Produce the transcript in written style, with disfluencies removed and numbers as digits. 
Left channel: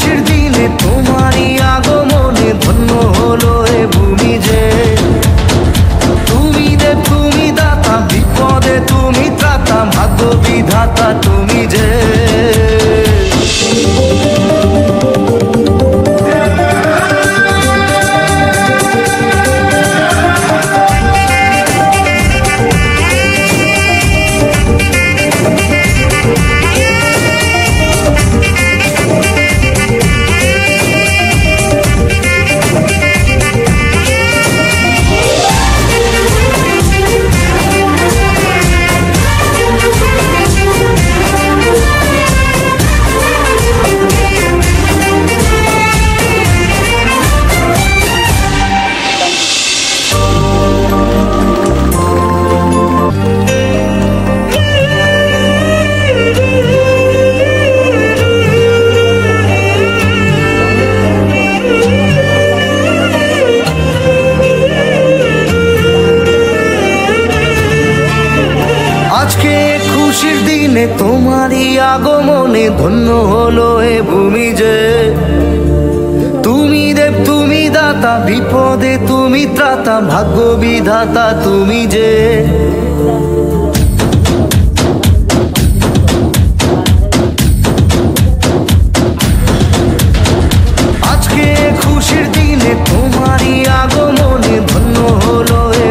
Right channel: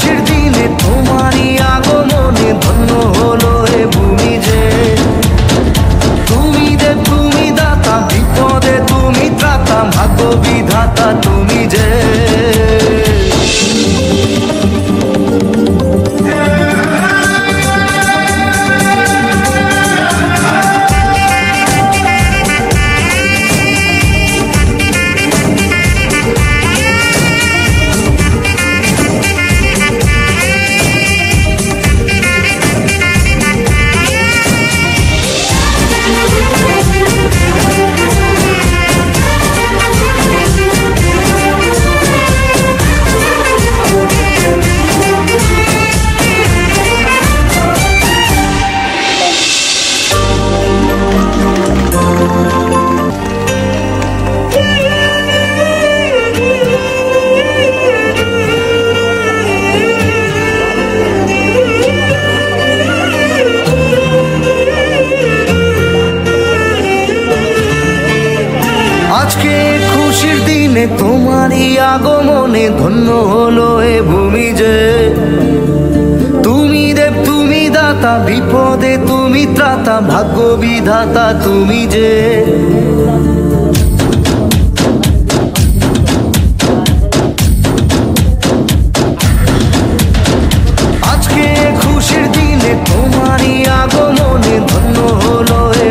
খুশির দিনে তোমারই আগমনে ধন্য হলো এ ভূমি যে। তুমি দেব তুমি দাতা, বিপদে তুমি ত্রাতা, ভাগ্য বিধাতা তুমি যে। আজকে খুশির দিনে তোমারই আগমনে ধন্য হলো এ ভূমি যে। তুমি দেব তুমি দাতা, বিপদে তুমি ত্রাতা, ভাগ্য বিধাতা তুমি যে। আজকে খুশির দিনে তোমারই আগমনে ধন্য হলো এ